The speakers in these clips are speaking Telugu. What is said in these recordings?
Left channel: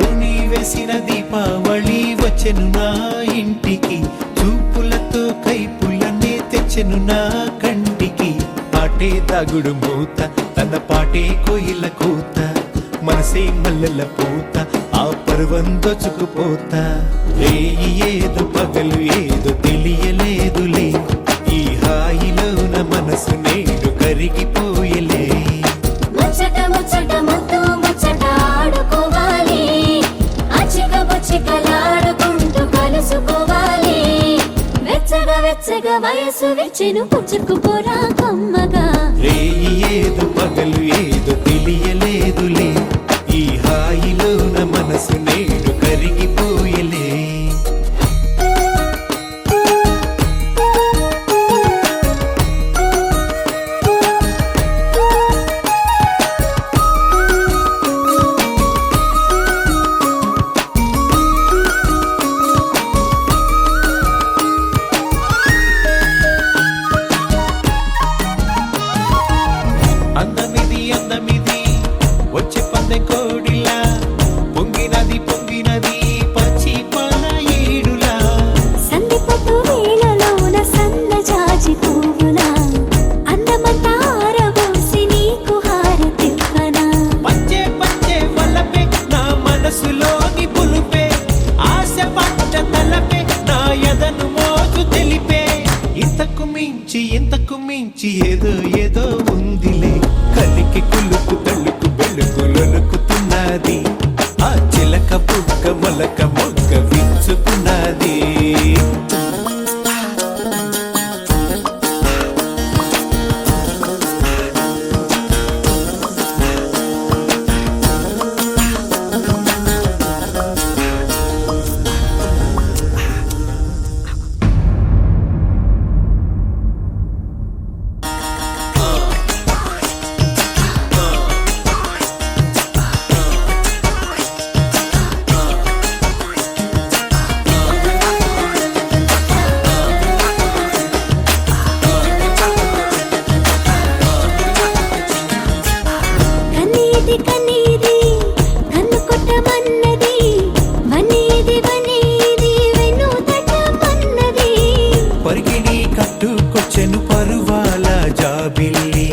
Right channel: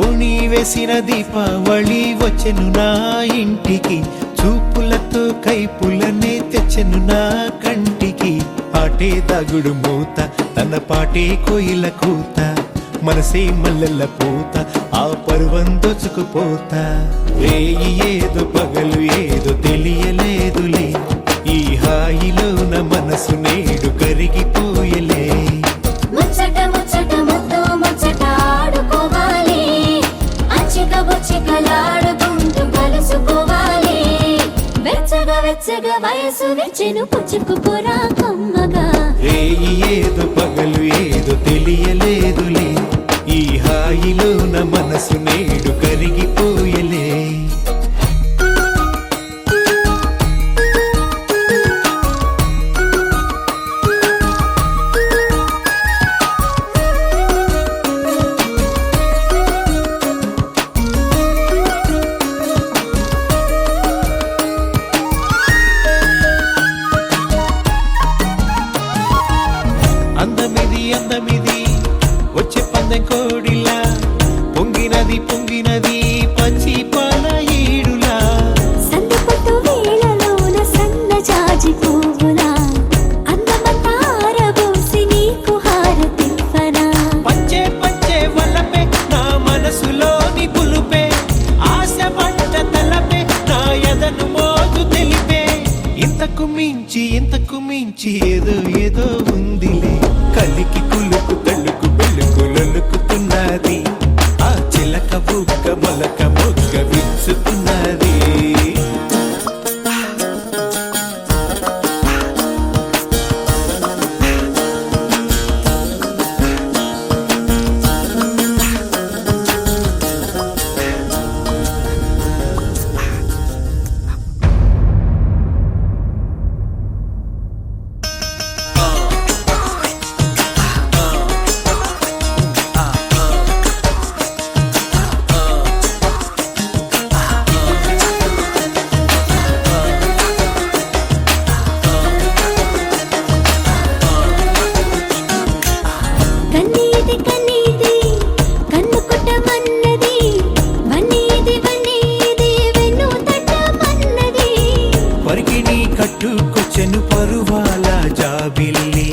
ఓ నీ వేసిన దీపావళి వచ్చెను నా ఇంటికి, చూపులతో కైపులనే తెచ్చెను నా కంటికి. పాటే తాగుడు మూత, తన పాటే కోయిల కూత, మనసే మల్లెల పూత, ఆ పర్వం దోచుకుపోతా. రేయి ఏదో పగలు ఏదో తెలియలేదులే, ఈ హాయిలోన మనసు నేడు కరిగిపోయలే. ముచ్చట ముచ్చట ముద్దు ముచ్చట ఆడుకోవాలి, అచ్చిక బొచ్చికలాడుకుంటూ కలుసుకోవాలి. వెచ్చగా వెచ్చగా వయసు వెచ్చెను పుచ్చుకుపోరా కమ్మగా. రేయి ఏదో పగలు ఏదో తెలియలేదులే, ఈ హాయిలోన మనసు నేడు కరిగిపోయలే. అందమిది అందమిది వచ్చే పందెం కోడిలా, పొంగినది పొంగినది పచ్చి పాల ఈడులా. సందిపట్టు వేళలోన సన్న జాజి పువ్వులా, అందమంతా ఆరబోసి నీకు హారతివ్వనా. పంచే పంచే వల్లపే నా మనసులోని పులుపే, ఆశ పట్ట తలపే నా ఎదను మోజు తెలిపే. ఇంతకు మించి ఏదో ఏదో ఉందిలే, కలికి కులుకు తళ్ళుకు పెళ్ళుకు లొలుకుతున్నది, ఆ చిలక బుక్క మొలక మొగ్గ విచ్చుతున్నది. కన్నీది కన్నీది కన్ను కొట్టమన్నది, వన్నీది వన్నీది వెన్ను తట్టమన్నది. పరికిణి కట్టుకొచ్చెను పరువాల జాబిల్లి,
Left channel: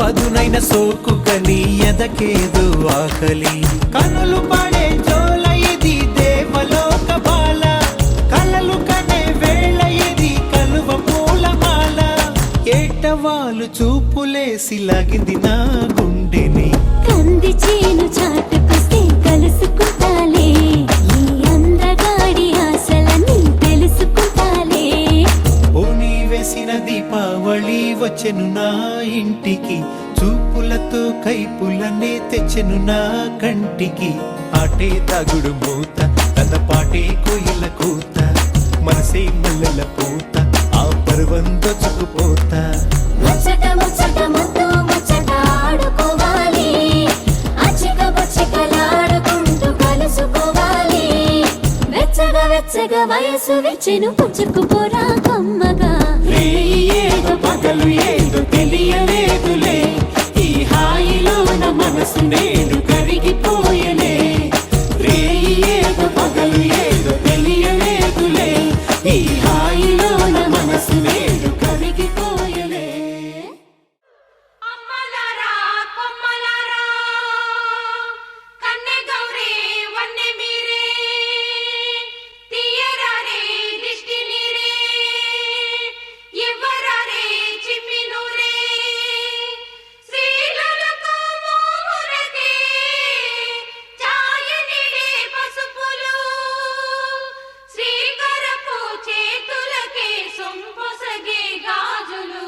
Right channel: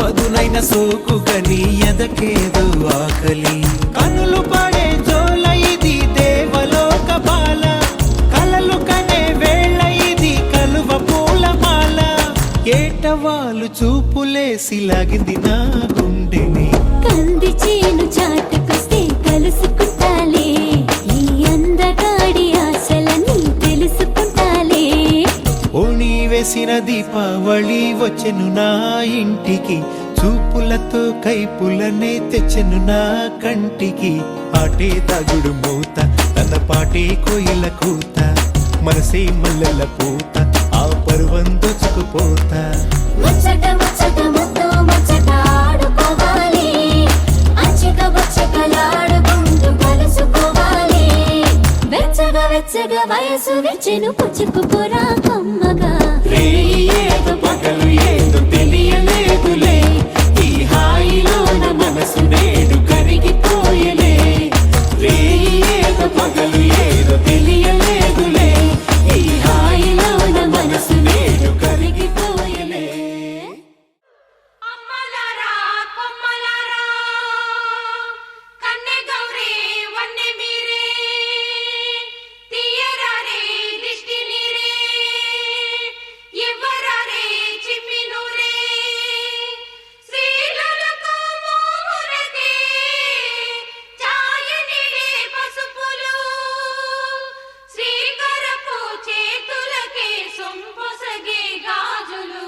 పదునైన సోకు గని ఎదకేదో ఆకలి. కనులు పడే జోల ఇది దేవలోక బాల, కలలు కనే వేళ ఇది కలువ పూలమాల. ఏటవాలు చూపులేసి లాగింది నా గుండెని, కంది చేను చాటుకొస్తే కలుసుకుంటాలే, ఈ అందగాడి ఆశలన్నీ తెలుసుకుంటాలే. ఓ నీ వేసిన దీపావళి వచ్చెను నా ఇంటికి, చూపులతో కైపులనే తెచ్చెను నా కంటికి. ఆటే తాగుడు మూత, తన పాటే కోయిల కూత, మనసే మల్లెల పూత, ఆ పర్వం దోచుకుపోతా. ముచ్చట ముచ్చట ముద్దు ముచ్చట ఆడుకోవాలి, అచ్చిక బొచ్చికలాడుకుంటూ కలుసుకోవాలి. వెచ్చగా వెచ్చగా వయసు వెచ్చెను పుచ్చుకుపోరా కమ్మగా. రేయి ఏదో పగలు ఏదో తెలియలేదులే, ఈ హాయిలోన మనసు నేడు కరిగిపోయలే. రేయి ఏదో పగలు ఏదో తెలియలేదులే, ఈ హాయిలోన మనసు నేడు కరిగిపోయలే. అమ్మలారా కొమ్మలారా కన్నె గౌరీ వన్నె మీరే తీయరారే దిష్టి నీరే ఇవ్వరారే చిమ్మినూరే శ్రీలకు మోములకి ఛాయనిలే పసుపులు శ్రీకరపు చేతులకే సొంపొసగే గాజులు.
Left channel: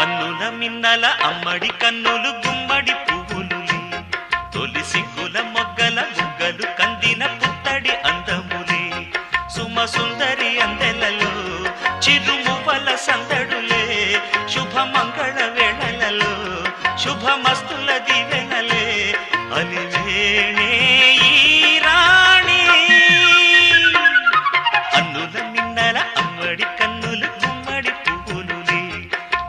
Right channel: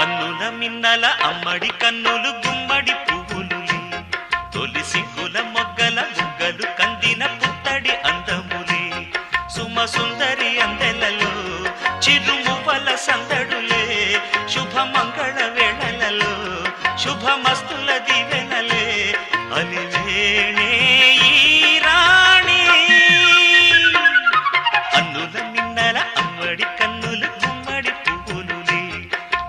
అన్నుల మిన్నల అమ్మడి కన్నులు గుమ్మడి పువ్వులులే, తొలి సిగ్గుల మొగ్గల బుగ్గలు కందిన పుత్తడి అందములే. సుమ సుందరి అందెలలో చిరుమువ్వల సందడులే, శుభ మంగళ వేళలలో శుభమస్తుల దివెనలే అలివేణే ఈ రాణి అన్నుల మిన్నల అమ్మడి కన్నులు గుమ్మడి పువ్వులులే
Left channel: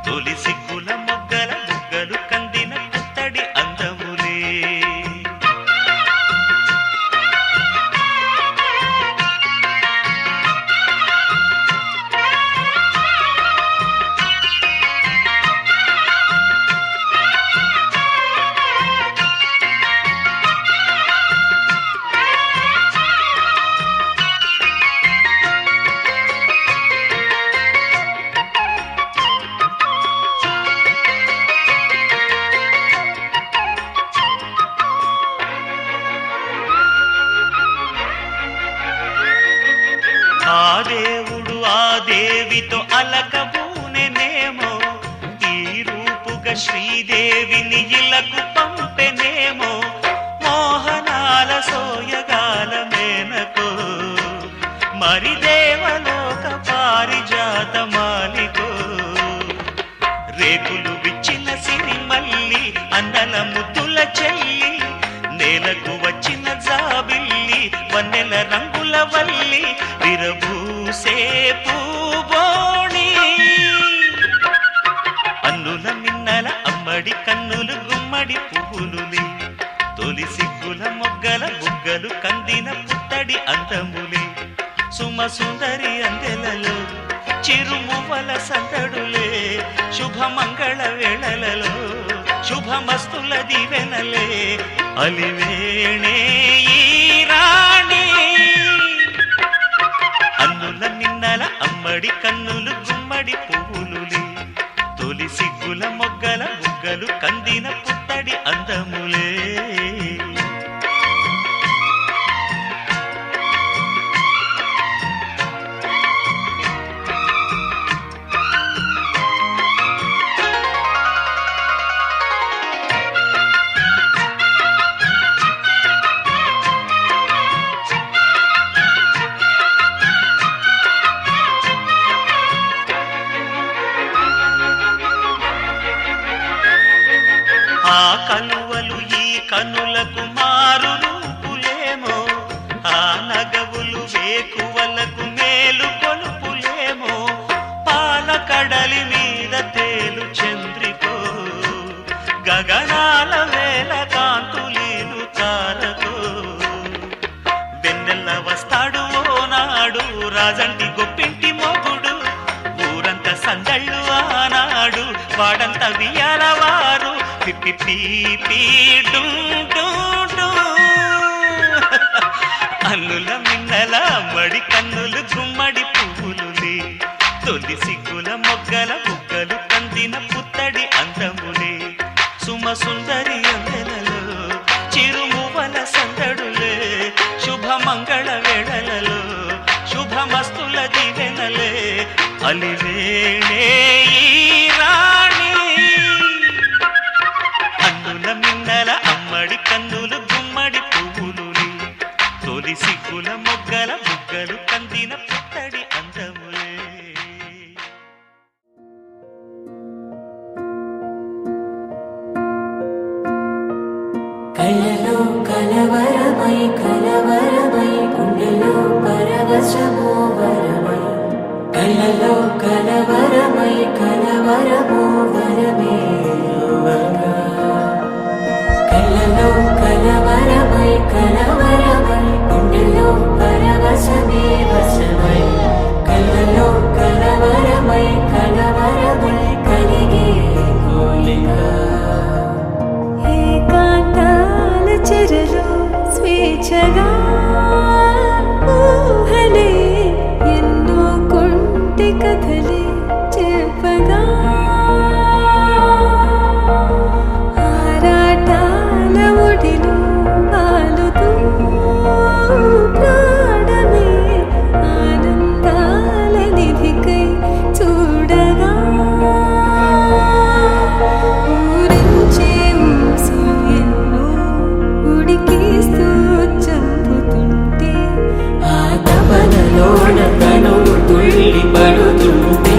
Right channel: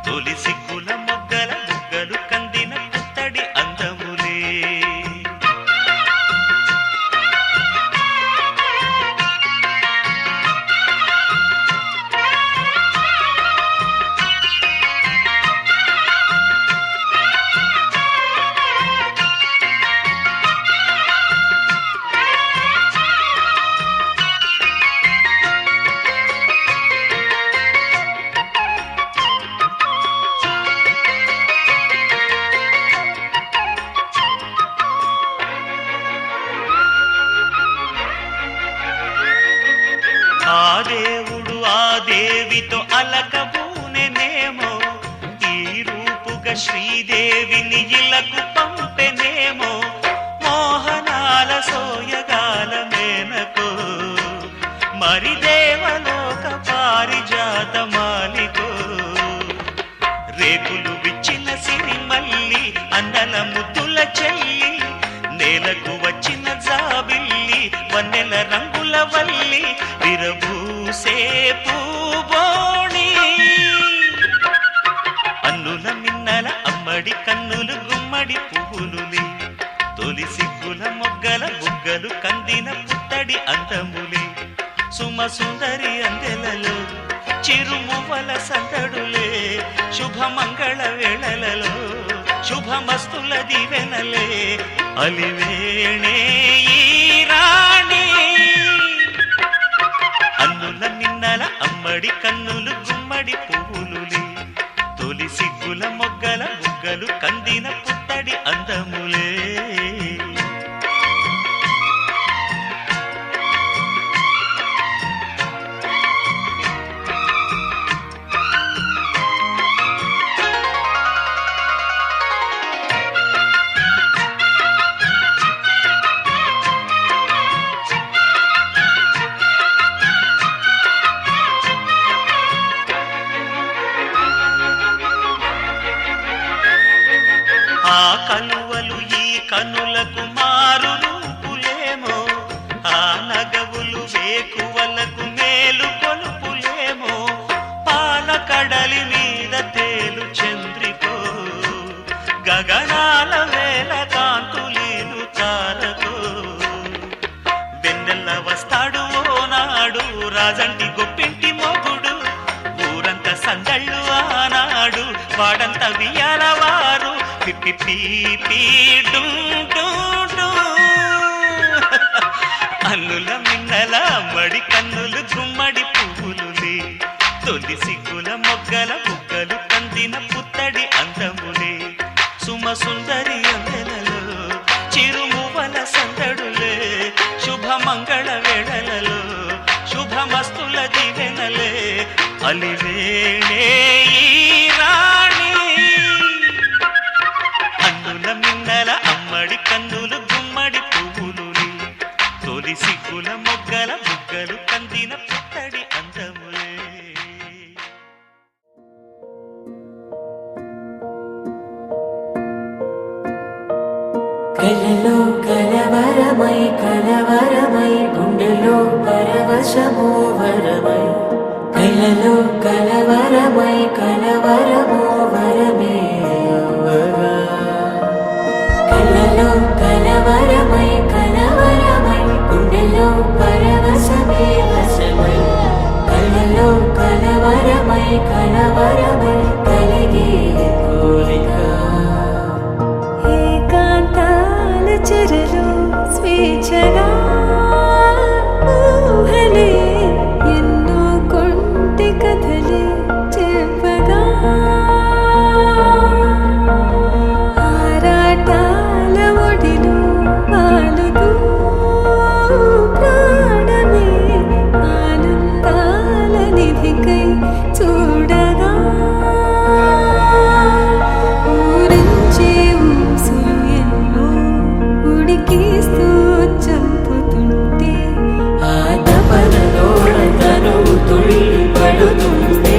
తొలి సిగ్గుల మొగ్గల బుగ్గలు కందిన పుత్తడి అందములే ఆ దేవుడు ఆ దేవితో అలకబూనెనేమో ఈ రూపుగా శ్రీదేవిని ఇలకు పంపెనేమో మోహనాల సోయగాల మేనకో మరి దేవలోక పారిజాత మాలికో రేకులు విచ్చిన సిరిమల్లి అందల ముద్దుల చెల్లి నేలకు వచ్చిన జాబిల్లి వన్నెల రంగుల వల్లి విరబూసే పూబోణి అన్నుల మిన్నల అమ్మడి కన్నులు గుమ్మడి పువ్వులులే తొలి సిగ్గుల మొగ్గల బుగ్గలు కందిన పుత్తడి అందములే సుమ సుందరి అందెలలో చిరుమువల సందడులే శుభమంగళ వేళలలో శుభమస్తుల దివెనలే అలివేణే ఈ రాణి అన్నుల మిన్నల అమ్మడి కన్నులు గుమ్మడి పువ్వులులే తొలి సిగ్గుల మొగ్గల బుగ్గలు కందిన పుత్తడి అందములే ఆ కలువలు ఈ కనులకు మారు రూపులేమో ఆ నగవులు వేకువలకు మేలు కొలుపులేమో పాల కడలి మీద తేలు చంద్రికో గగనాల వేల కాంతులీలు తారకో వెన్నెల్ల వస్తాడు ఓనాడు రాజంటి గొప్పింటి మొగుడు ఊరంత సందళ్ళు ఆనాడు వాడంత వియాలవారు అన్నుల మిన్నల మడి కన్నులు గుమ్మడి పువ్వులులే తొలి సిగ్గుల మొగ్గల బుగ్గలు కందిన పుత్తడి అందములే సుమ సుందరి అందెలలో చిరుమువల సందడులే శుభమంగళ వేళలలో శుభమస్తుల దివెనలే అలివేణే ఈ రాణి అన్నుల మిన్నల అమ్మడి కన్నులు గుమ్మడి పువ్వులులే తొలి సిగ్గుల మొగ్గల బుగ్గలు కందిన పుత్తడి అందములే కలలో కలవరమై కలవరమై గుండెలో పరవశమో వరమై కలలో కలవరమై కలవరమో వరమే యువగా కలలో కలవరమై కలవరమై గుండెలో పరవశమే వశమై కలలో కలవరమై కలవరమై కలిగే కోరిక ఏకాంతాల చెరలో స్వేచ్ఛగా ఊహలే ఎన్నో కొంటె కథలే చెప్పగా ఆరాటాల ఒడిలో వాలుతూ ప్రాణమే ఆనందాల నిధికై చూడగా ఊరించే ఊసులు ఎన్నో ఉడికిస్తూ చంపుతుంటే ఆ తపనలోన తనువు తుళ్ళి పడుతుంటే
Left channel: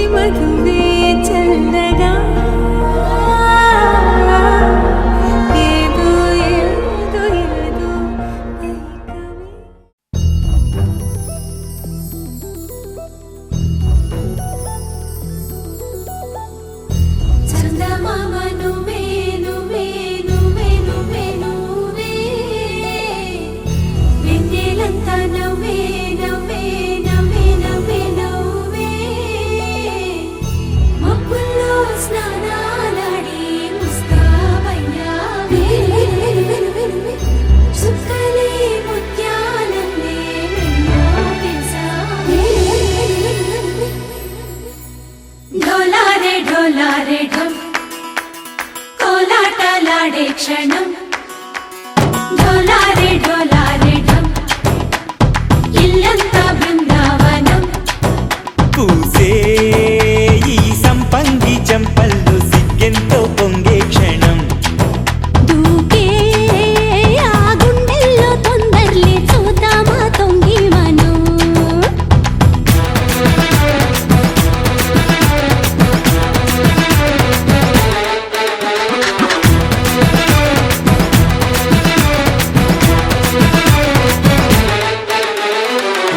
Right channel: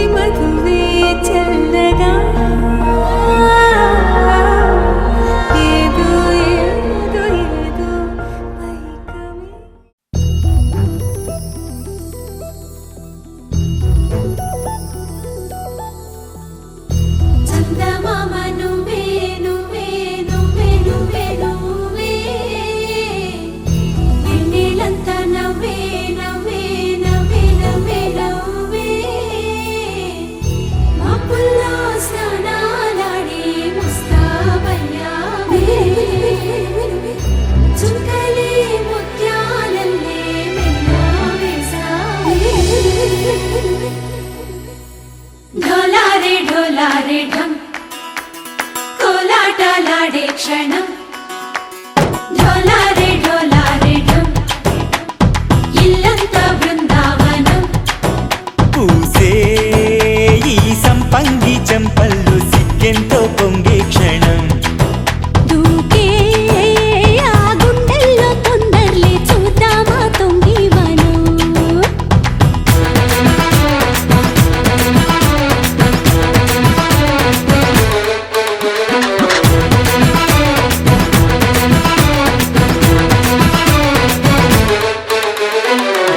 మోవి మధువే చల్లగా ఏదో ఏదో ఏదో మైకమే. చందమామ నువ్వే నువ్వే నువ్వే నువ్వే నువ్వే వెన్నెలంతా నవ్వే నవ్వే నవ్వే నవ్వే నవ్వే మబ్బుల్లో స్నానాలాడి ముస్తాబయ్యావే చుక్కలే ముత్యాలల్లే మెన్నా వేసావే ఢోలారే ఢోలారే ఢమ్ కోలాటలాడే క్షణం ఢోలారే ఢోలారే ఢమ్ ఇల్లంతా బృందావనం పూసే ఈ సంపంగి చెంపల్లో సిగ్గెంతో పొంగే క్షణం దూకే ఆ గుండెల్లో తొందరలే చూద్దామా తొంగి మనం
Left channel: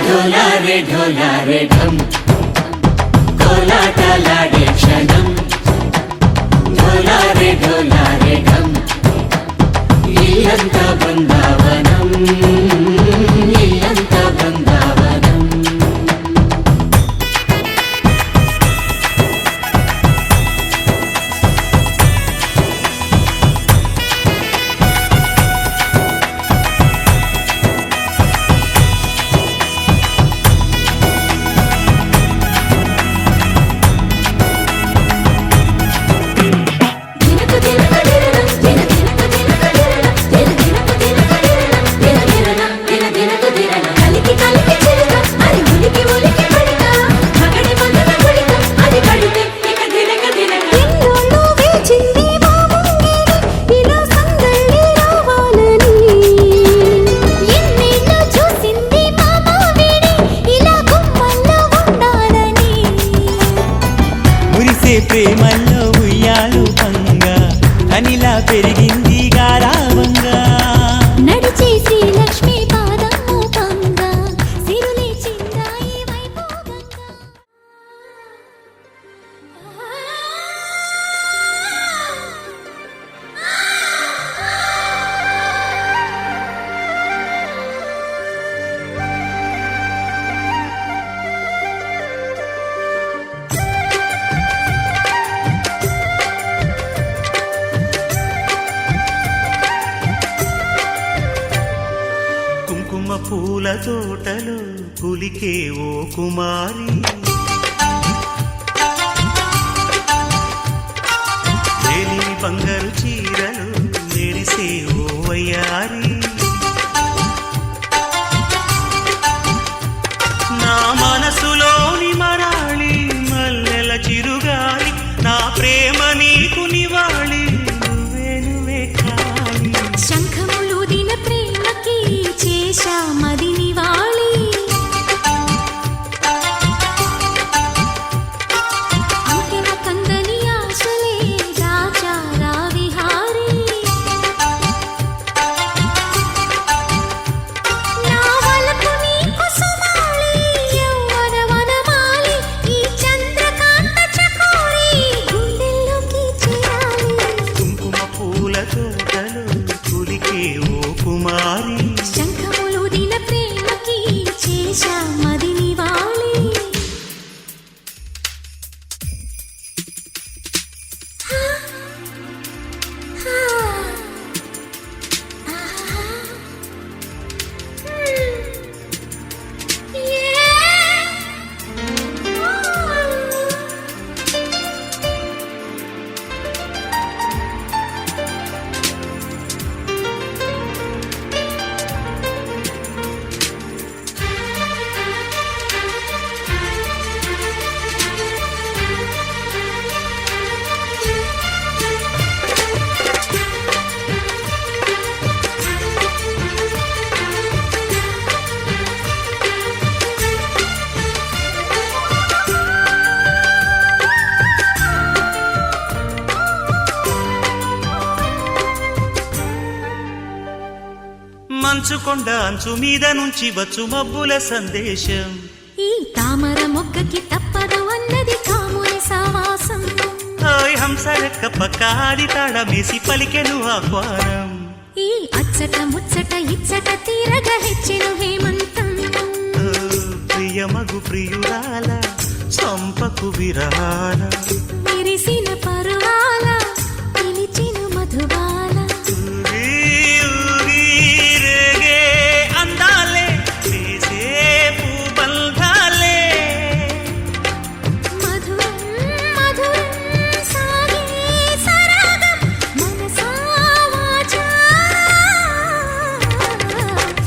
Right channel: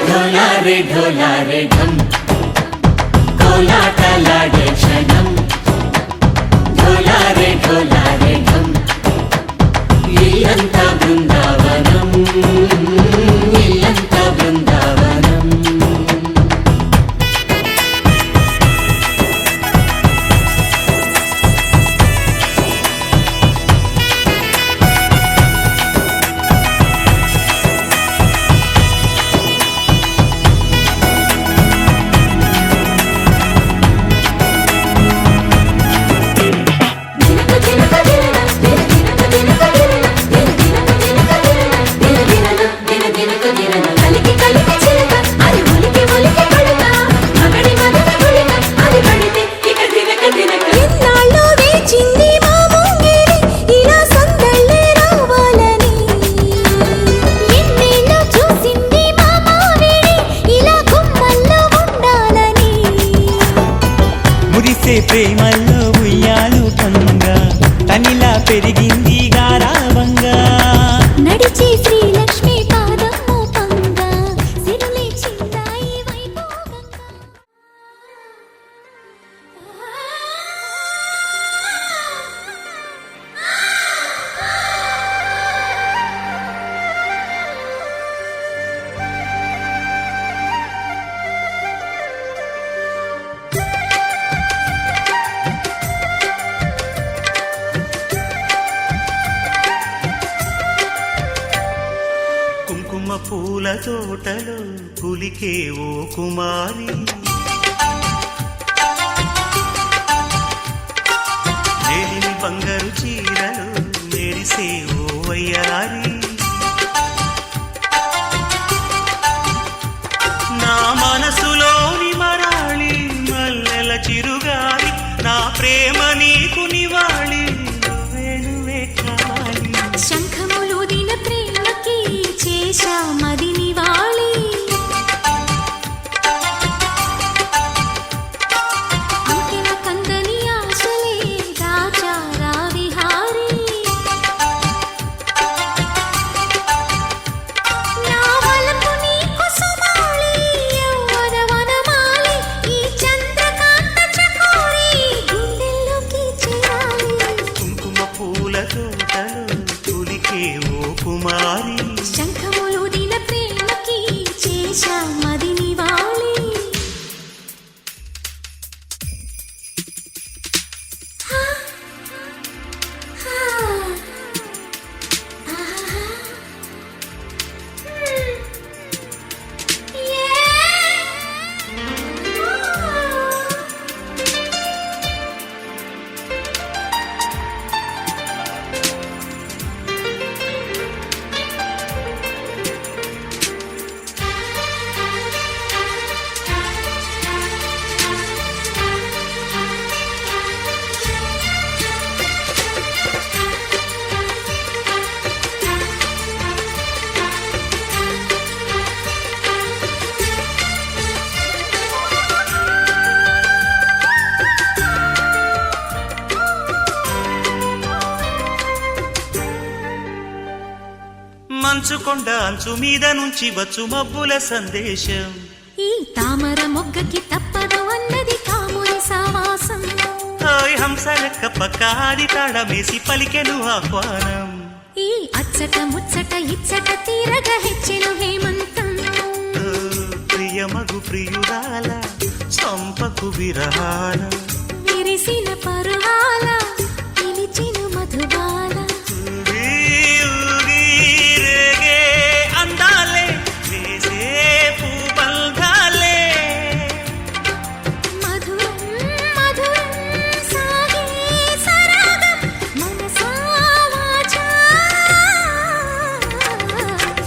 ఢోలారే ఢోలారే ఢమ్ కోలాటలాడే క్షణం ఢోలారే ఢోలారే ఢమ్ ఇల్లంతా బృందావనం ఇల్లంతా బృందావనం దినకు దినక దినన దిన దినకు దినన కలికి కలికి చిలక అది ఉలికి ఉలికి పడక మగడి మదన గుడిక అది పడితే ఇక దినక దినక ఇన్నాళ్ళు వేచింది మా ముంగిరి ఇలా సందళ్ళే రావాలని ఎన్నేళ్ళు చూసింది మా మామిడి ఇలా గుమ్మల్లో ఉండాలని మురిసే ప్రేమల్లో ఉయ్యాలు పంగా తనిలా పెరిగింది గారావంగా నడిచే శ్రీలక్ష్మి పాదము పంగ సిల్లి చిందాయి వైభోగంగా కుంకుమ పూల తోటలో పులికే ఓ కుమారి వేలిమి బంగారు చీరలు మెరిసే ఓ వయ్యారి నా మనసులోని మరాళి మల్లెల చిరుగాలి నా ప్రేమ నీకు నివాళి నువ్వే నువ్వే కాలి శంఖములుదిన ప్రేమకి చేశా మది నివాళి అంకెల కందని ఆశలే రాజారా విహారీ నా వలపు నీకు సుమాళి యవ్వన వనమాలి ఈ చంద్రకాంత చకోరి గుండెల్లోకి చేరాలి కుంకుమ పూల తోటలో పులికే ఓ కుమారి శంఖములుదిన ప్రేమకి మంచుకొండ అంచు మీద నుంచి వచ్చు మబ్బుల సందేశం. ఈ తామర మొగ్గకి తప్పదు అన్నది కాముని సావాసం. హాయ్ హంసరెక్క పక్క ఆడి తాళమేసి పలికెను ఆహ్వానం. ఈ అచ్చట ముచ్చట ఇచ్చట తీరగా హెచ్చెను హేమంతం. ఓ, ప్రియమగు ప్రియురాల చంపకు విరహాల. విరిసిన పరువాల పిలిచెను మధుబాల. ఊగి ఊగి రేగే అందాలే వేసే పూబంధాలే. మధురం మధురం సాగే సరాగం మనసా వాచా.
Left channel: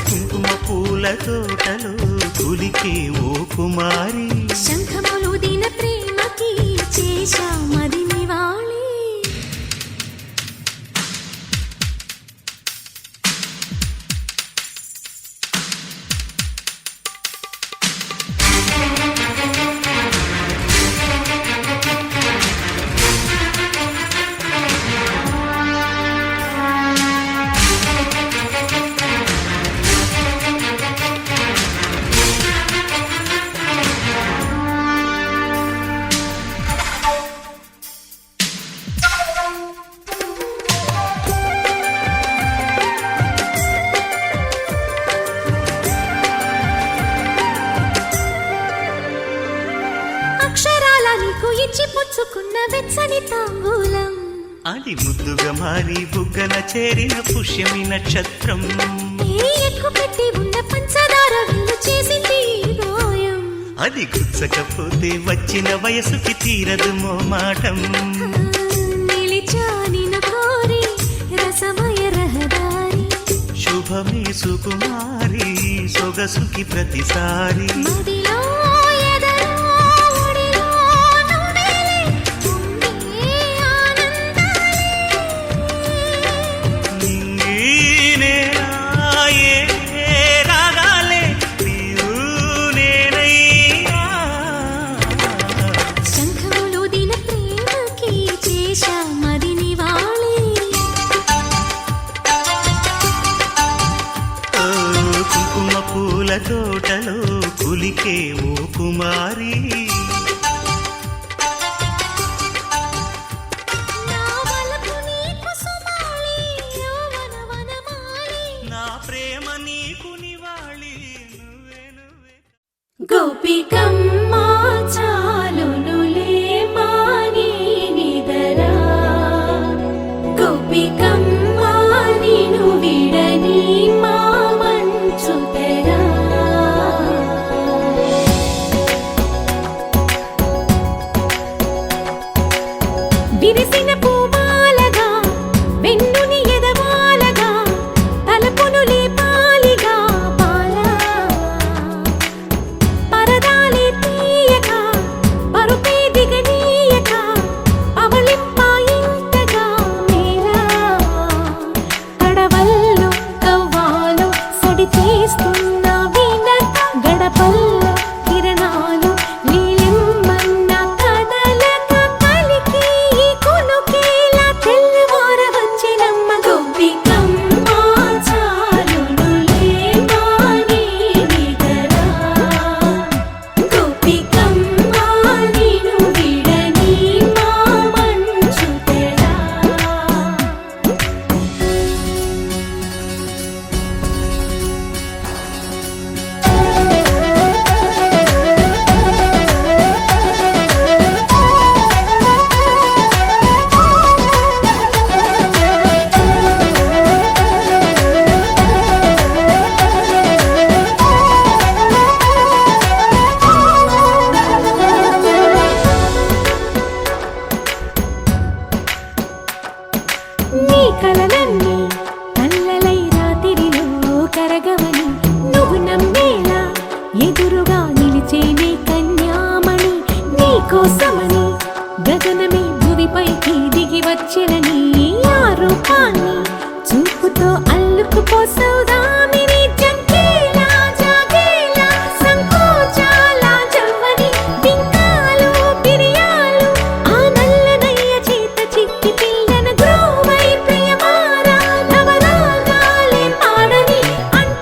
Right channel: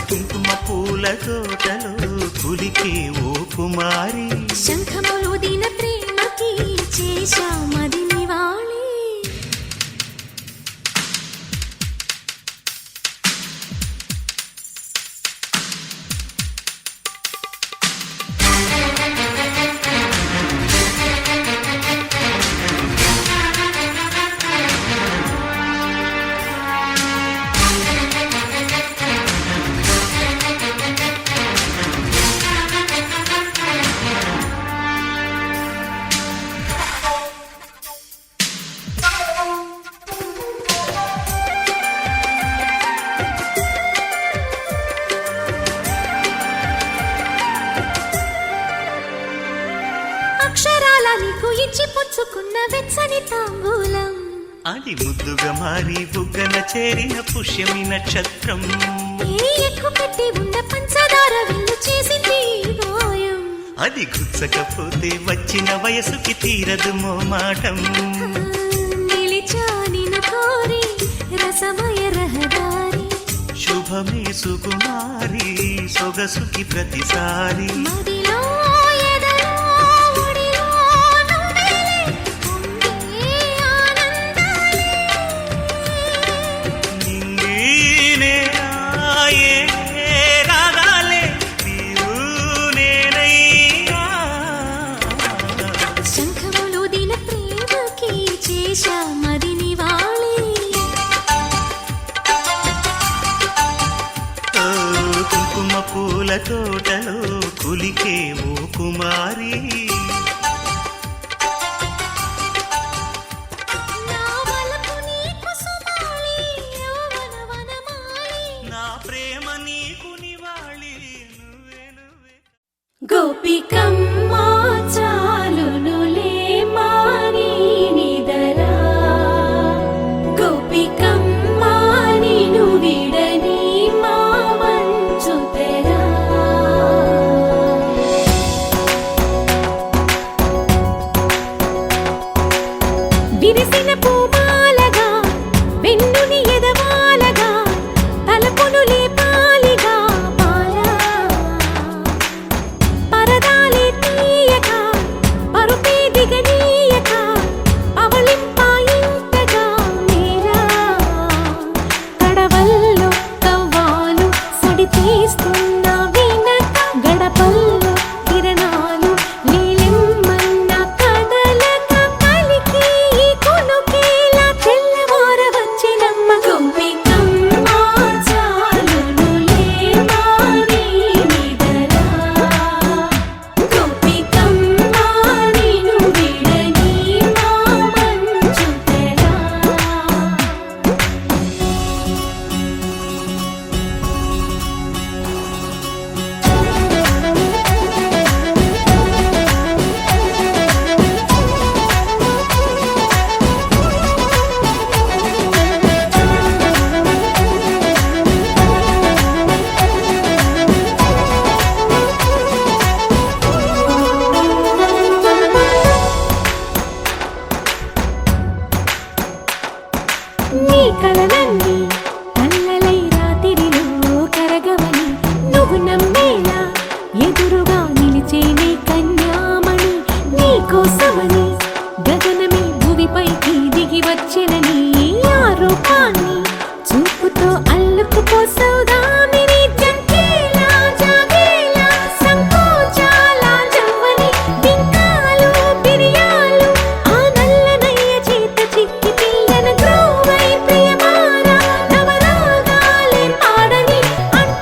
కుంకుమ పూల తోటలో కులికే ఓ కుమారి. శంఖములు దిన ప్రేమకి చేశా మది నివాళి. అక్షరాల నీకు ఇచ్చి పుచ్చుకున్న వెచ్చని తాంబూలం. అది ముద్దుగా మారి బుగ్గన చేరిన పుష్యమి నక్షత్రం. ఏ ఎక్కు పెట్టి ఉన్న పంచదార విల్లు చేసింది ఈ గాయం. అది గుచ్చకపోతే వచ్చిన వయసుకి తీరదు మోమాటం. నిలిచా నిన్ను కోరి రసమయ రహదారి. శుభమే సుకుమారి సొగసుకి ప్రతిసారి. మదిలో ఎదలో ఒడిలో నువ్వేలే పొంగే ఆనందాలే. నింగి నేరాయే రాగాలే నీవు నేనైనా. శంఖములు దిన ప్రేమకి చేశా మది నివాళి. ఓ, కుంకుమ పూల తోటలో కులికే ఓ కుమారి. నా వలపు నీకు సుమాలి యౌవన వనమాలి. నా ప్రేమ నీకు నివాళి నువ్వే నువ్వే. గోపికమ్మా చాలునులే మాని నిదరా. గోపికమ్మా నిను విడని మా మంచు తెరా. విరిసిన పూమాలగా వెన్నుని ఎదవాలగా తలపును లేపాలిగా బాలా. పరదాలే తీయక పరుపే దిగనీయక అవళింపాయింతగా మేరా. కడవల్లో కవ్వాలు సడి చేస్తున్న వినక గడపల్లో కిరణాలు నీలిమ్మన్న కదలక కలికి ఈ కునుకేలా తెల్లవార వచ్చినమ్మ. గోపికమ్మ చాలునులే మాని నిదరా. గోపికమ్మ నిను విడని మా మంచు తెరా. నీ కలలన్నీ కల్లలై రాత్రిలో కరగవని నువ్వు నమ్మేలా ఎదురుగా నిలిచేనే కన్యామణి. నీ కోసమని గగనమే భువిపైకి దిగి వచ్చెనని ఆ రూపాన్ని చూపుతో అల్లుకుపోసౌదామిని. జంకేలా జాగేలా సంకోచాల జవ్వని బింకాలు బిరియాలు ఆ నల్లనయ్య చేత చిక్కి పిల్లన గ్రోవై ప్రియమారా. నవరాగాలే పాడని అంట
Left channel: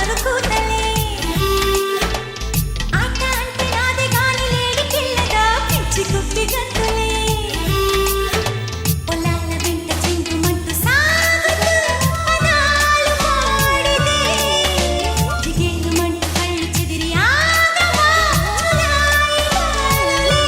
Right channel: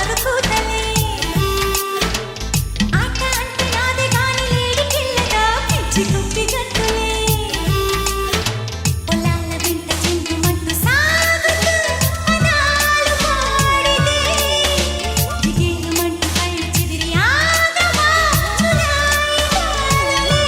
షికారు కూతలే ఆట అంటే నాదే గాని లేడి పిల్లగా పిచ్చి కుప్పి గంతులే పొలాల వెంట చింగుమంటూ సాగుతూ పదాలు పాడితే జిగేలుమంటూ కళ్ళు చెదిరి ఆగవా చులాయి బాలలే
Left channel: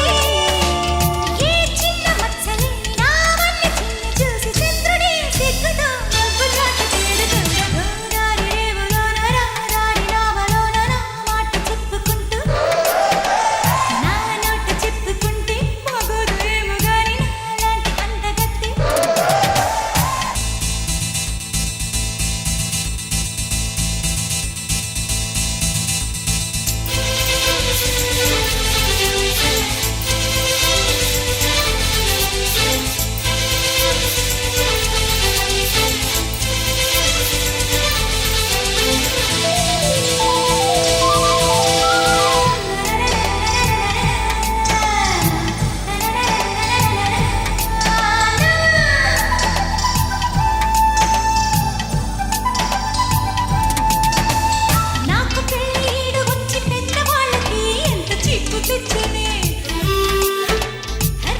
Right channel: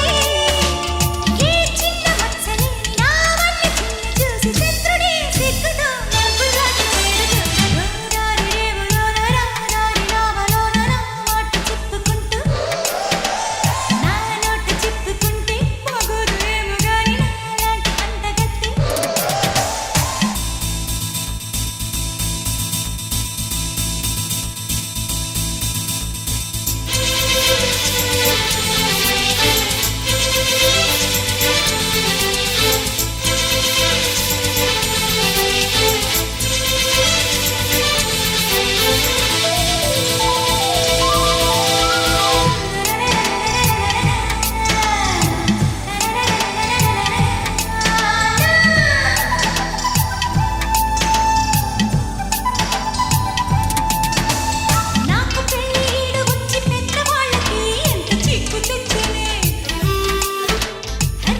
ఏ చిన్న మచ్చలేని నావన్ని చిన్ని చూసి శత్రుడే సిగ్గుతో మబ్బు చాటు చేరుకోడ గోదారి రేవులోన రాదారి నావలోన నా మాట చెప్పుకుంటూ నా నోట చెప్పుకుంటే మగోదు ఏమో గాని నాలాంటి అందగత్తి నాకు పెళ్ళీడు వచ్చి పెద్దవాళ్ళకి ఎంత చిక్కు తెచ్చునే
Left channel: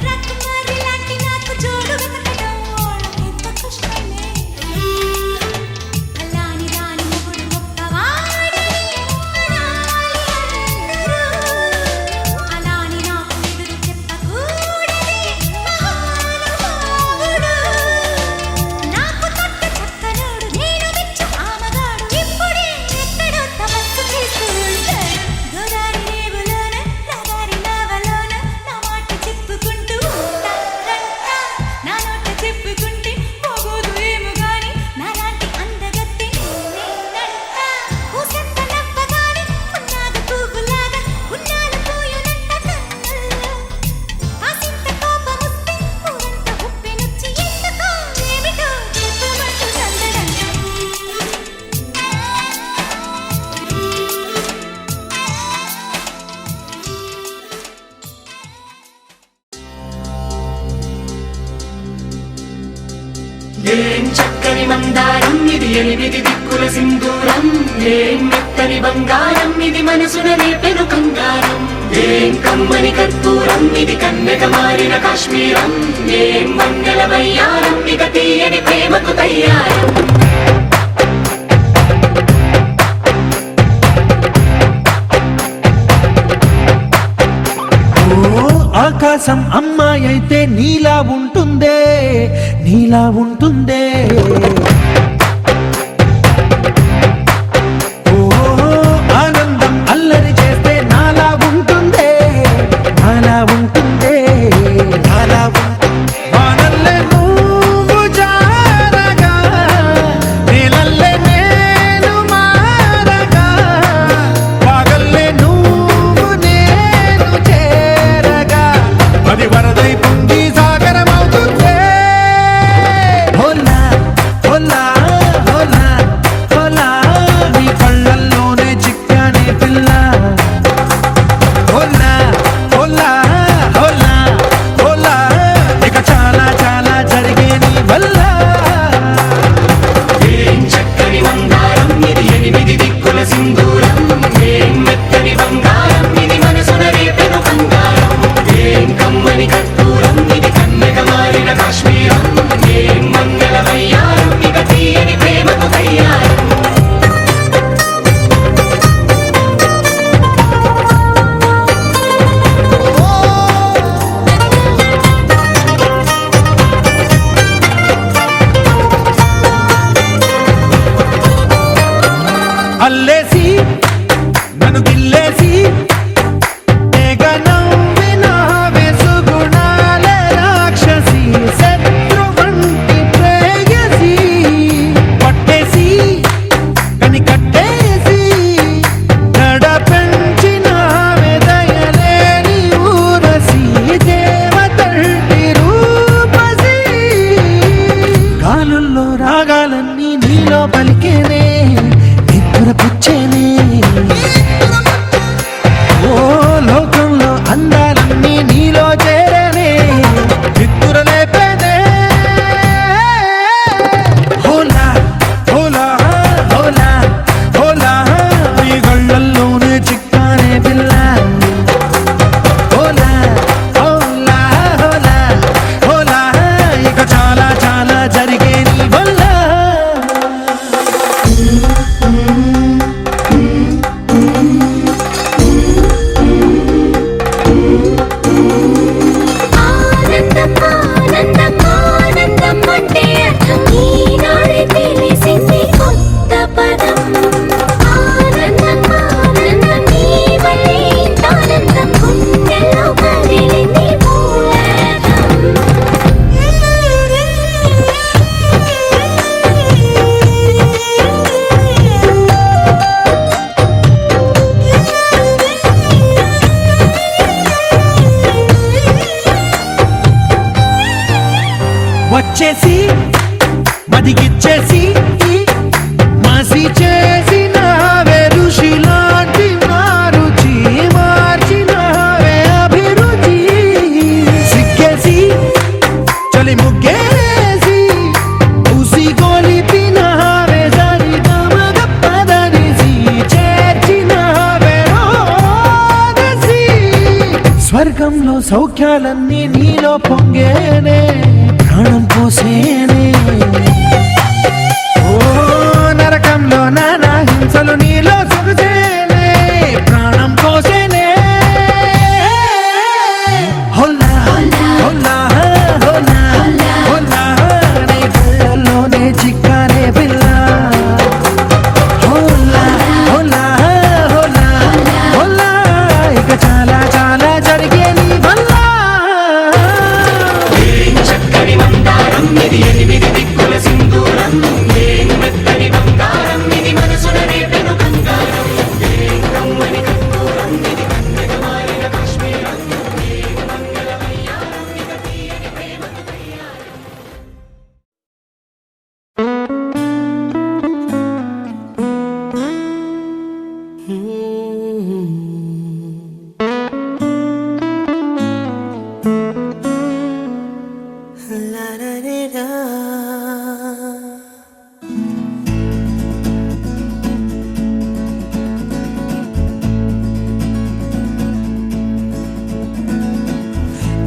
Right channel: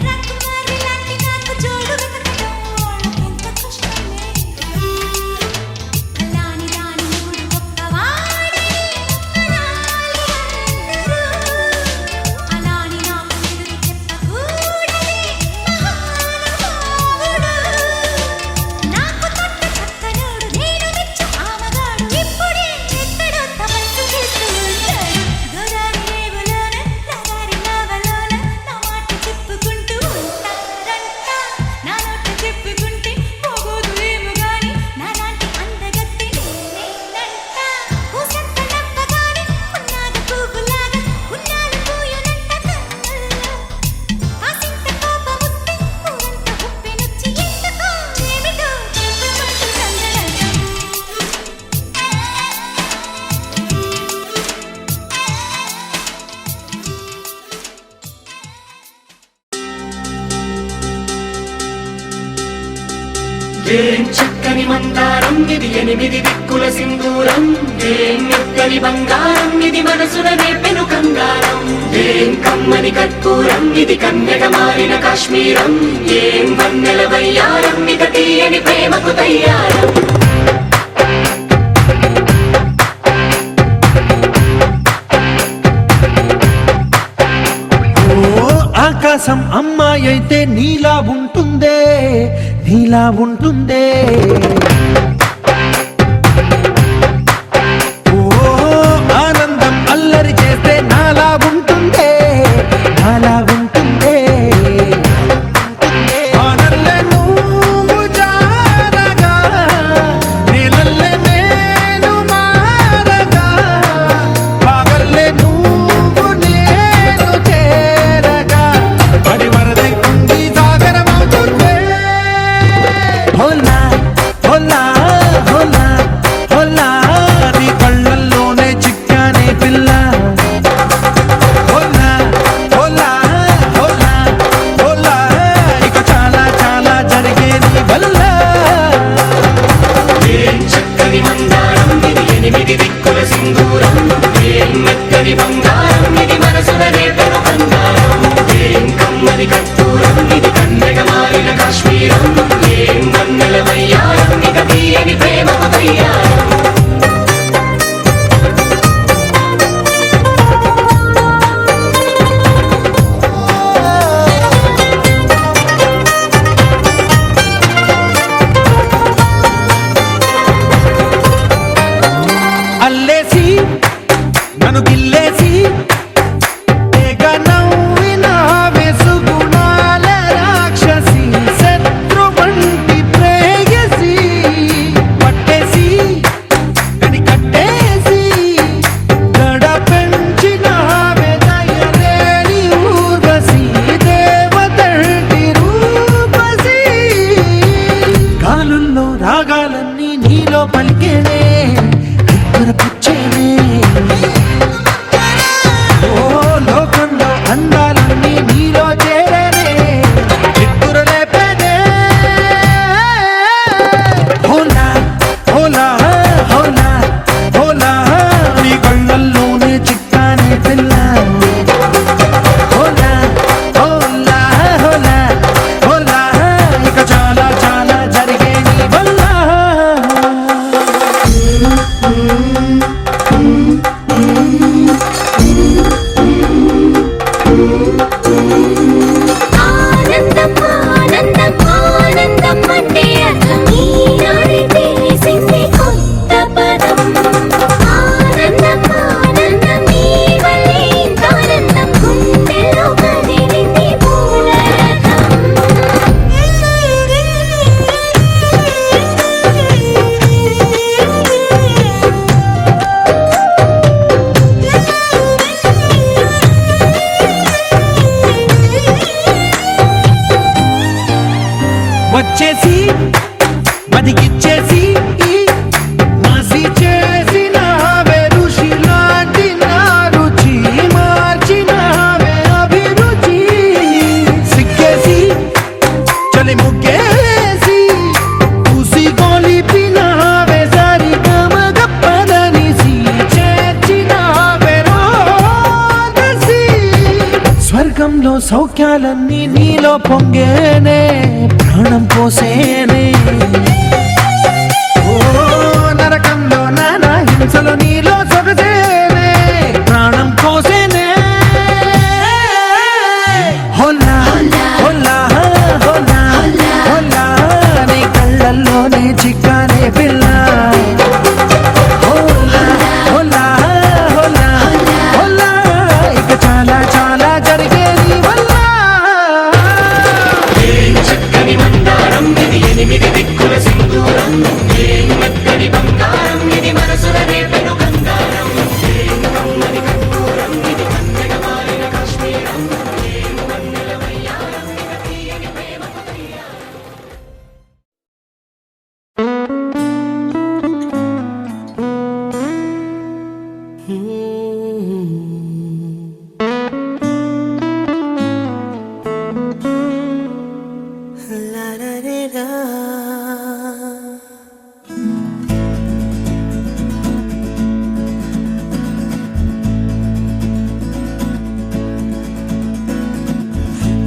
రాకుమారి లాంటి నాకు జోడు వెతకడం వాళ్ళకెంత కష్టమే కల్లాని దాని మొగుడు గొప్పవాడని అనాలి అందరూ అలాని నాకు ఎదురు చెప్పకూడదే మహానుభావుడు నాకు తొట్ట చక్కనోడు నేను మెచ్చు ఆమగాడు ఇప్పుడే ఎక్కడో తపస్సు చేస్తూ ఉంటాడు గోదారి రేవులోన రాదారి నావలోన నా మాట చెప్పుకుంటూ ఉంటారంట నా నోట చెప్పుకుంటే పోగోదు ఏమో గాని నాలాంటి అందగత్తి నేనేనంట పూసంత నవ్వగానే ఉన్నాగ పువ్వులాగా ఉన్నాలు పూయునంట కన్నుల్లో కాసింత కోపమొస్తే ఊరంత ఉప్పెనొచ్చి ఎందుకో ఏమిటో చెప్పమంటూ సందడంట ఏం చక్కని మందారం ఇది ఎనిమిది దిక్కుల సింధూరం ఏం మెత్తని బంగారం ఇది మనసున నేపెను కంగారం ఏం కమ్మని కర్పూరం ఇది కన్యక మారిన కాశ్మీరం ఏం వన్నెల వయ్యారం ఇక తీయని ప్రేమకు తయ్యారం ఆకాశం అమ్మాయి అయితే నీలా ఉంటుందే నీలా ఉంటుందే ఓ ఆనందం అల్లరి చేస్తే నాలా ఉంటుందే నాలా ఉంటుందే వానల్లే నువ్వు జారగా నీలల్లే నేను మారగా పగల్లే నువ్వు నేను చేరగా పడి వరదై పొంగి సాగరమవుతుందే హోలా హోలా హోలా హోలా నీ కళ్ళల్లోనే చిక్కానే పిల్ల హోలా హోలా హోలా హోలా ఇక చాలా చాలా జరిగే నీ వల్ల ఏం చక్కని మందారం ఇది ఎనిమిది దిక్కుల సింధూరం ఏం మెత్తని బంగారం ఇది మనసున రేపెను కంగారం ఏం కమ్మని కర్పూరం ఇది కన్యక మారిన కాశ్మీరం ఏం వన్నెల వయ్యారం ఇక తీయని ప్రేమకు తయ్యారం అల్లేసి నన్ను గిల్లేసి తెగ నవ్విన వెసుగుణాల రాక్షసి శత్రు వంటి ప్రేయసి పట్టేసి కని కట్టేసి గడ పెంచిన దయలేని ఊరసి దేవతంటి రూపసి గాలుల్లో రాగాలన్నీ నీలో పలికేనే నిప్పుల పుచ్చేనే ఓ లోకంలో అందాలన్నీ నీలో చేరనే నిప్పుల లేపేనే హోలా హోలా హోలా హోలా సౌఖ్యాలన్నీ నీలో పొంగేనే ప్రాణం పోసేనే ఓ నరకంలో నానా హింసలు నీలో సొగసేనే ప్రాణం పోసేనే హోలా హోలా హోలా హోలా నీ కళ్ళల్లోనే చిక్కారే పిల్ల హోలా హోలా హోలా హోలా ఇక చాలా చాలా జరిగే నీ వల్ల చక్కని మందారం ఇది ఎనిమిది దిక్కుల సింధూరం ఏం మెత్తని బంగారం ఇది మనసున రేపెను బంగారం ఏం కమ్మని కర్పూరం ఇది కన్నెగ మారిన కాశ్మీరం ఏం మంగళ వయ్యారం ఇక తీయని ప్రేమకు తయ్యారం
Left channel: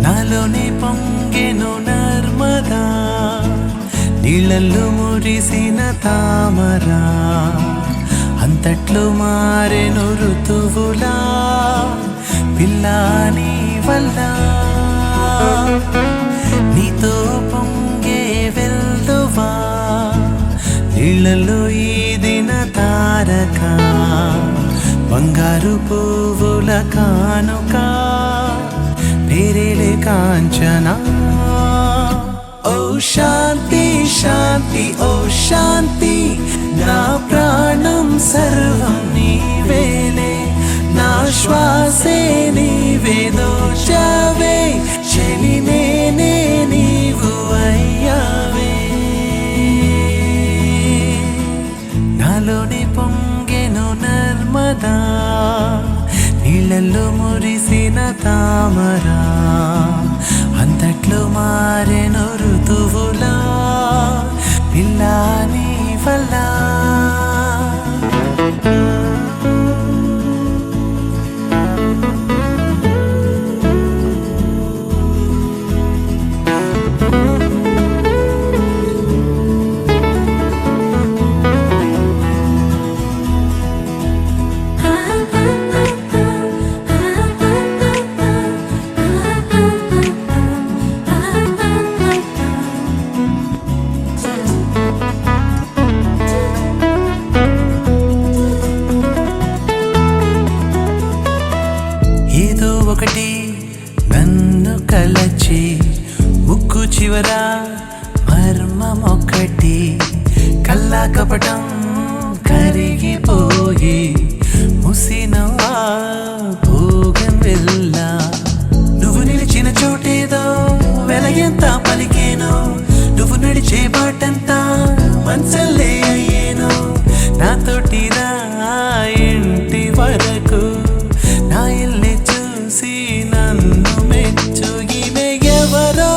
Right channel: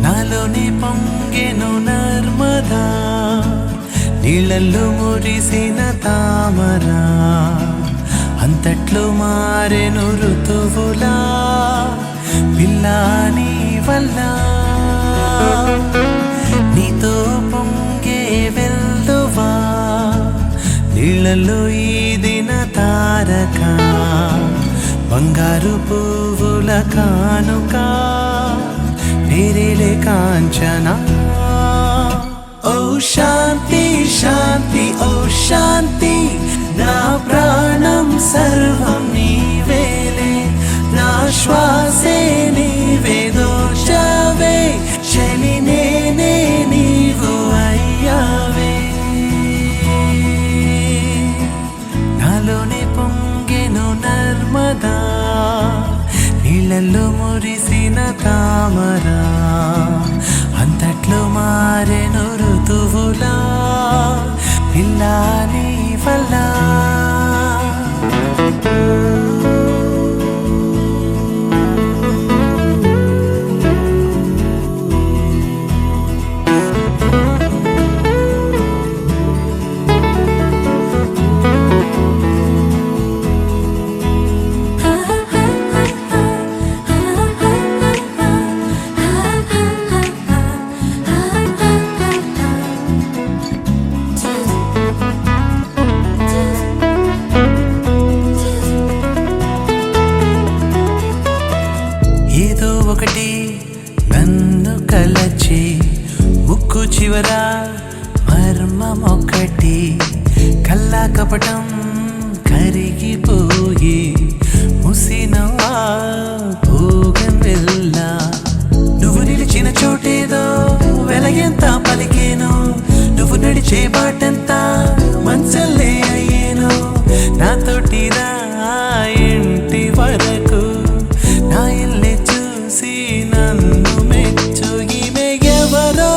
నాలోనే పొంగెను నర్మదా నీళ్ళల్లో మురిసిన తామరా అంతట్లో మారెను ఋతువులా పిల్లా నీ వల్ల నీతో పొంగే వెల్లువా నీళ్ళల్లో ఈదిన తారక బంగారు పువ్వుల కానుక పేరేలే కాంచనా ఓ శాంతి శాంతి ఓ శాంతి నా ప్రాణం సర్వం నీవేలే నా శ్వాసే నీవే దోచవే చలి నేనే నీవు అయ్యావే నాలోనే పొంగెను నర్మదా నీళ్ళల్లో మురిసిన తామరా అంతట్లో మారెను ఋతువులా పిల్లా నీ వల్ల ఏదో ఒకటి నన్ను కలచి ముక్కు చివర మర్మమొక్కటి కల్లా కపటం కరిగిపోయి ముసినవా భోగం వెళ్ళా నువ్వు నిలిచిన చోటేదో వెలగెంత పలికేను నువ్వు నడిచే బాటంతా మంచల్లే అయ్యేను నాతోటి రా ఇంటి వరకు నా ఇల్లే చూసి నన్ను మెచ్చు ఈమె ఎవరో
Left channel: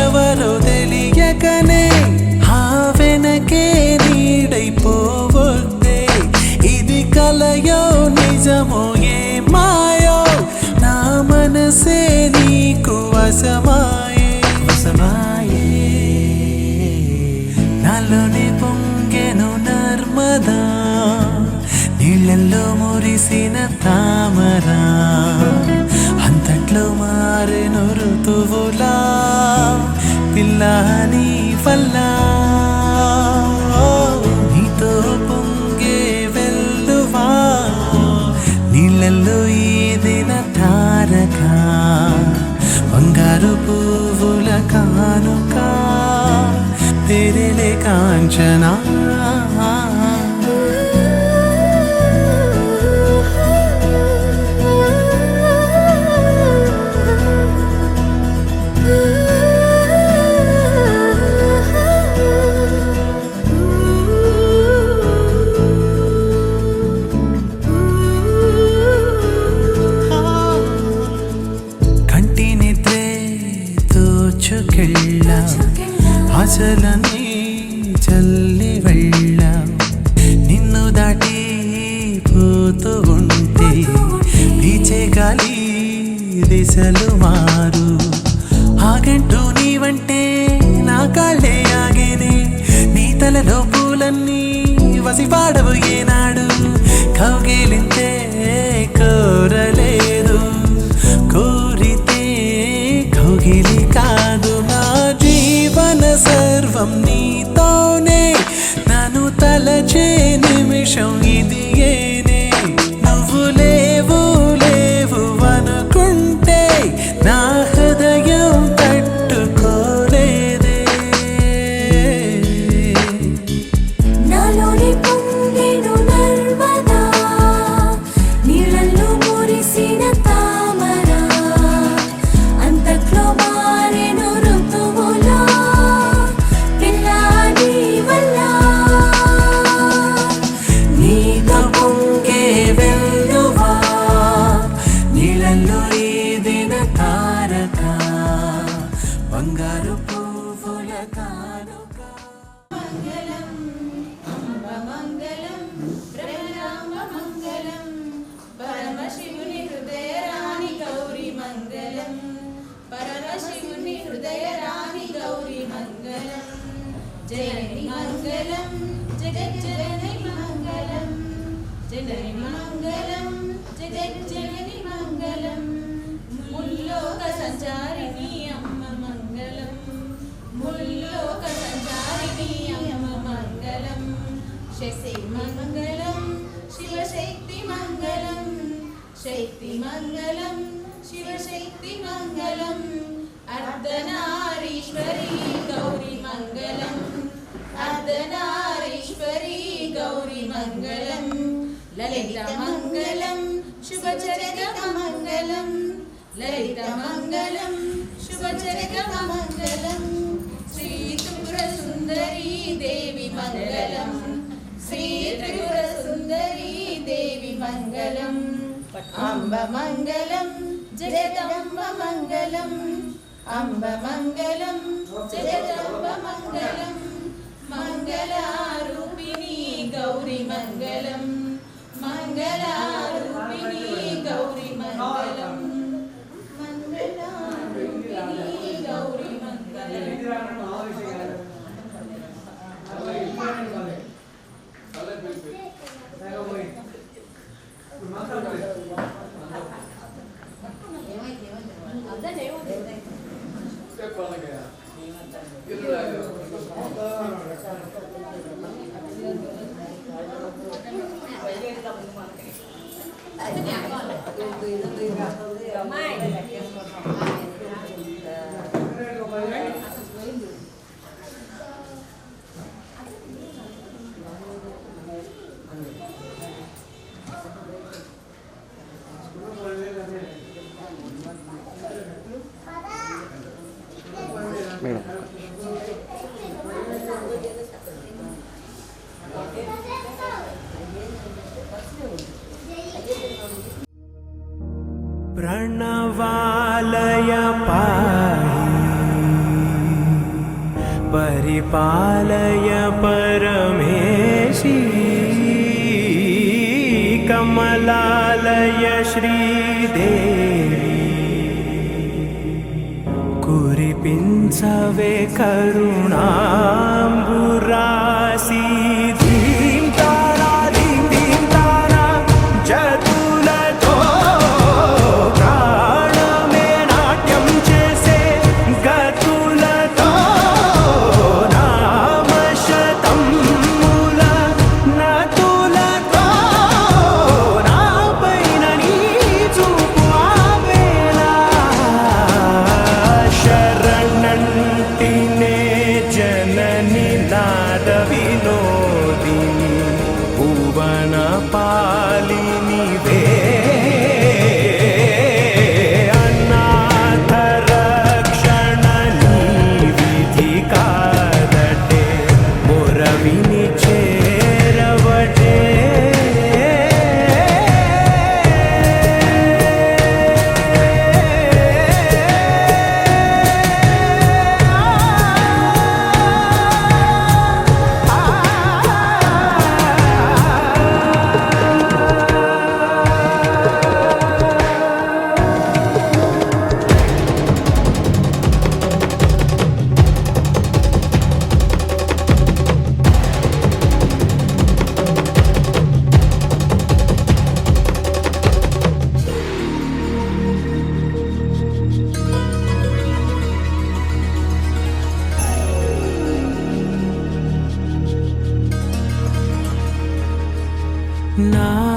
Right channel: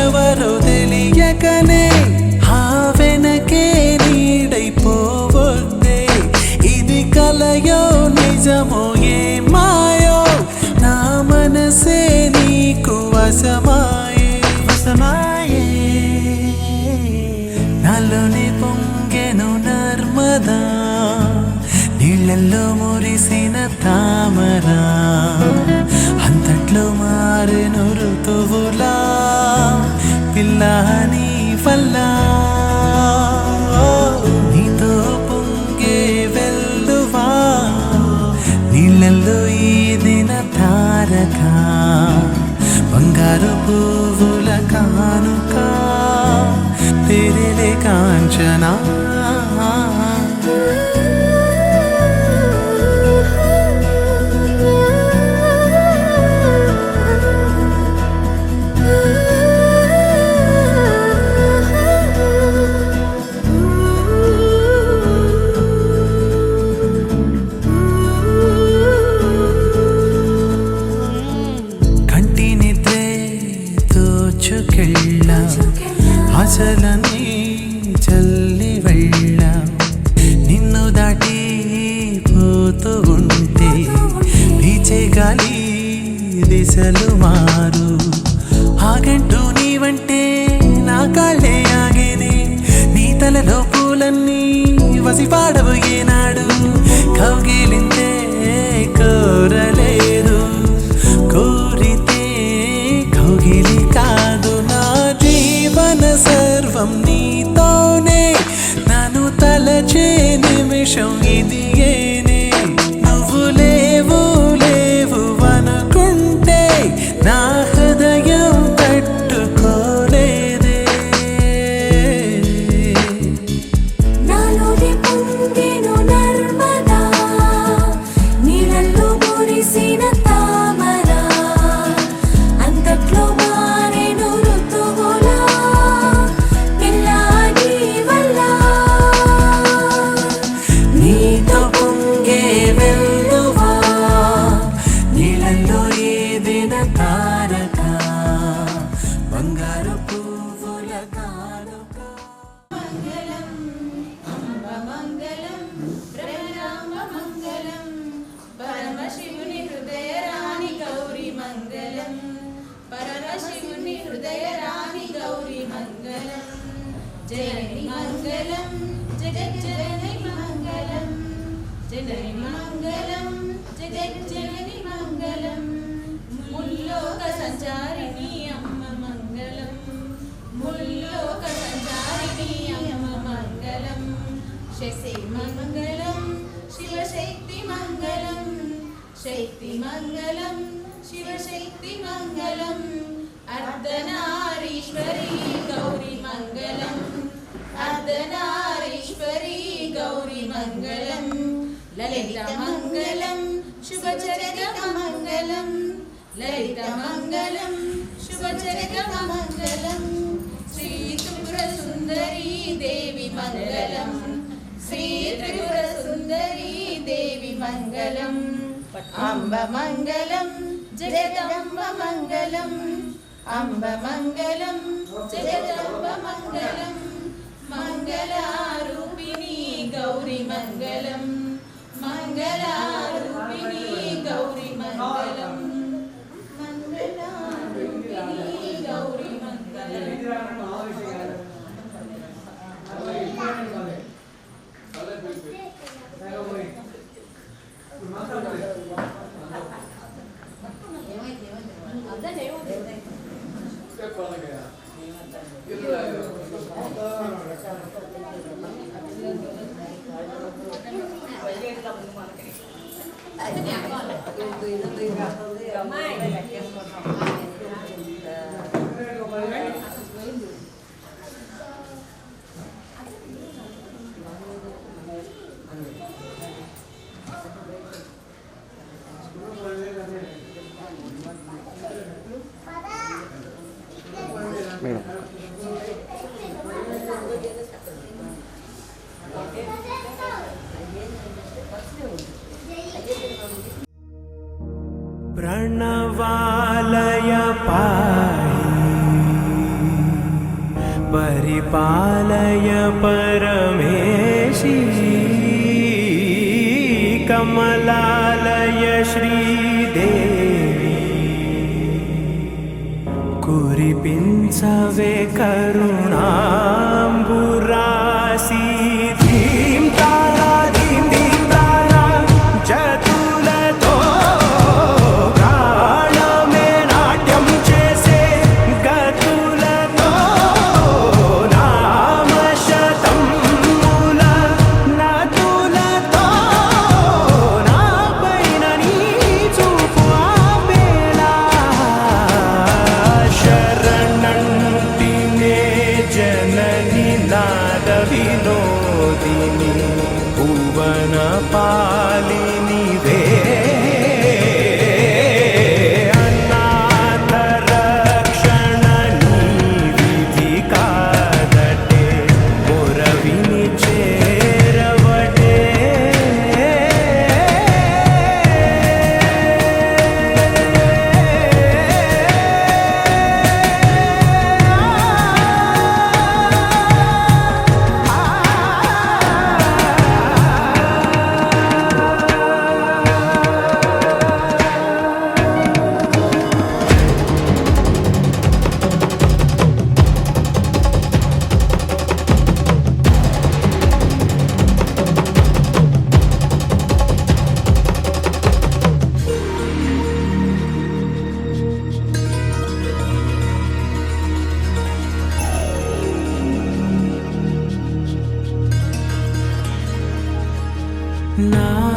ఎవరో తెలియకనే ఆ వెనకే నీడైపోవద్దే ఇది కలయో నిజమో ఏ మాయో నా మనసే నీకు వశమాయే నాలోనే పొంగెను నర్మదా నీళ్ళల్లో మురిసిన తామరా అంతట్లో మారెను ఋతువులా పిల్లా నీ వల్ల నీతో పొంగే వెల్లువా నీళ్ళల్లో ఈదిన తారక బంగారు పువ్వుల కానుక తెరలే కాంచనా కంటి నిద్రే దోచుకెళ్ళ ఆశలని చల్లి వెళ్ళ నిన్ను దాటి పోతూ ఉంటే పీచే గాలి దిశలు మారు ఆగంటూ నీవంటే నా కాళ్ళే ఆగేనే నీ తలలో పూలన్నీ వసిపాడవు ఏనాడు కౌగిలింతే కోరలేదు కోరితే కౌగిలి కాదు నా జీవన సర్వం నీతోనే నన్ను తలచే నిమిషం ఇది ఏనే నువ్వు లేవు లేవు అనుకుంటే నా హృదయం తట్టుకోలేదే నాలోని పొంగెను నర్మదా నీళ్ళల్లో మురిసిన తామర అంతట్లో మారెను ఋతువులా పిల్లాడి వల్ల నీతో పొంగే వెల్లువా నీళ్ళల్లో ఏదైనా తారక బంగారు పువ్వుల కానుక మంగళం బ్రహ్మ మంగళం పరమశివుని హృదయ రాణి గౌరీ మంగళం పరమశివుని హృదయ రాణి గౌరీ మంగళం జనని మంగళం జగజ్జనని మంగళం జనని మంగళం జగజ్జనని మంగళం ముల్లోక సంచారిణి అమ్మ మంగళం ముల్లోక సంచారిణి అమ్మ మంగళం శక్తి మంగళం శివశక్తి మంగళం శక్తి మంగళం శివశక్తి మంగళం అర్ధనారీశ్వరి గౌరీ మంగళం అర్ధనారీశ్వరి గౌరీ మంగళం లలిత మంగళం శుభచరిత మంగళం లలిత మంగళం శుభచరిత మంగళం శ్రీ త్రిపుర సుందరీ దేవి మంగళం శ్రీ త్రిపుర సుందరీ దేవి మంగళం అంబ మంగళం జగదంబ మంగళం అంబ మంగళం జగదంబ మంగళం మంగళారూపిణి గౌరీ మంగళం మంగళారూపిణి గౌరీ మంగళం మంగళారూపిణి గౌరీ మంగళం प्रणवालय पाहि परिपालय परमेशी कमलालय श्रीदेवी कुरिपिंचवे करुणांबुरासी धीम तारा धीम धीम तारा जतुलतो प्राणमे नाट्यं चेसे गतुलतो नामशतं मूल नतुलतो नापैन नी చూపు ఆపేలా శరణంటినే జనని నాద వినోదిని భువన పాలిని వే అనాథ రక్షణ నీ విధి కాదటే మొరవిని చేరవటే నా